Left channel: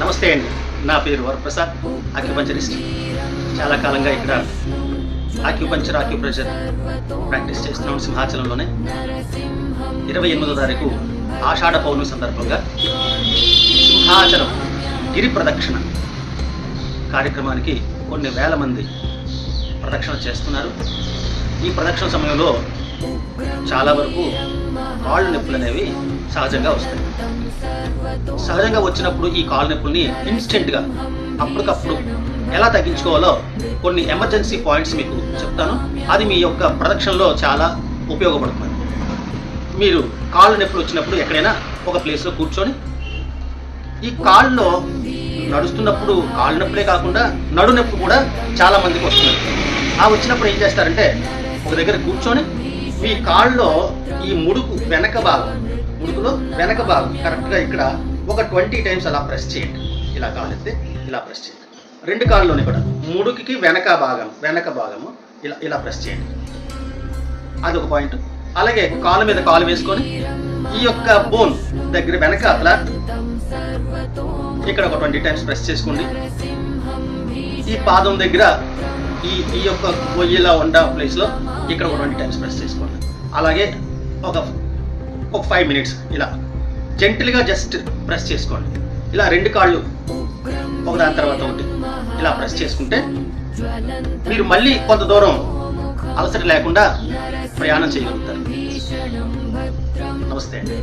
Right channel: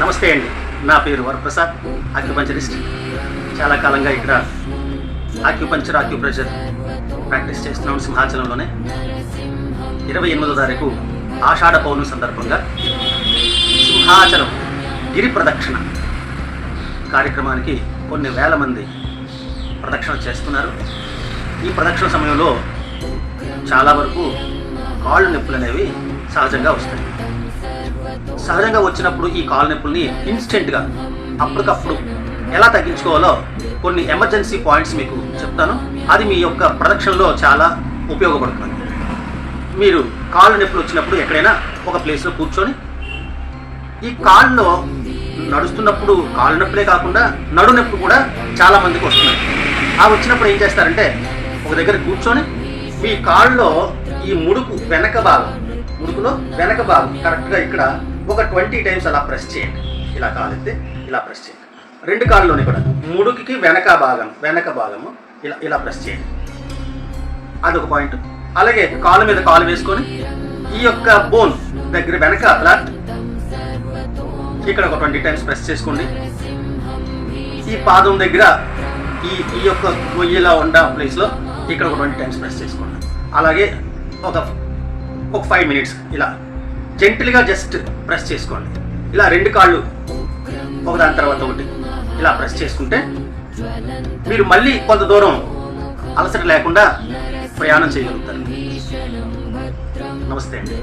నమస్తే అండి. నా పేరు వరప్రసాద్, ఆక్యుపంచరిస్ట్. చాలా కాలంగా ఇక్కడ ఆక్యుప్రెషర్ ప్రాక్టీస్ చేస్తున్నాం సింహాచలంలోనే. 28వ తారీఖు ఆషాఢ పౌర్ణమి సందర్భంగా సింహాచలం గిరి ప్రదక్షిణ కార్యక్రమానికి కొన్ని వేల మంది ప్రదక్షిణ చేస్తున్నారు. ఈ ప్రదక్షిణ సమయంలో చాలా వరకు కాళ్ళు నొప్పులు అనేవి సహజంగా వస్తాయి. సహజంగా వచ్చినప్పుడు ఈ కాళ్ళ నొప్పుల్ని ఇన్స్టెంట్గా అప్పటికప్పుడు ఎలా తగ్గించుకోవాలో కొన్ని ఎమర్జెన్సీ పాయింట్స్ మీకు చెప్తాను. అది మీ యొక్క ప్రదక్షిణలో చాలా ఉపయోగపడుతుంది. మీరు కాళ్ళ నొప్పులు వచ్చినప్పుడు ఎక్కడైనా ఒక ప్లేస్లో కూర్చొని ఈ కాళ్ళలో నడుస్తున్నప్పుడు కాళ్ళ నొప్పులే కాకుండా నడు నొప్పి కూడా చాలా మందికి వస్తున్నాయి. ఆ వచ్చినప్పుడు ఏం చేస్తారంటే ఒక దగ్గర కూర్చొని మీ కాళ్ళలో ఈ ముడుకులో వెనక భాగం కరెక్ట్గా ఇక్కడ ఒక 20 టైమ్స్ అలా ప్రెస్ చేయండి. ఇలా కాలెత్తి ఇలా ప్రెస్ చేయండి. రెండు కాళ్ళలోనే కూడా ముడుకుకి వెనక భాగము ఇలా ప్రెస్ చేయండి. అదొక పాయింట్. అలాగే కాలు మీద కాలు వేసుకొని ఈ యొక్క బోన్ దగ్గర వెనక అట్లా ఇక్కడ ఒక 20 టైమ్స్ ప్రెస్ చేసుకోండి. ఈ పాదం దగ్గర ఈ యొక్క గొయ్యిలా ఉన్న ప్లేస్లో ఇక్కడ ఒక 20 టైమ్స్ ప్రెస్ చేసుకోండి. అలాగే ఒక 5 మినిట్స్ ఇలా జెంటిల్గా జస్ట్ ప్రెస్ చేసుకోండి. ఇలా రెండు కాళ్ళు ఒకదాని తర్వాత ఒకటి ఇలా ప్రెస్ చేసుకుంటే మీరు మళ్ళీ కొంత దూరం అలసట లేకుండా ప్రయాణం చేయగలుగుతారు. నమస్తే అండి.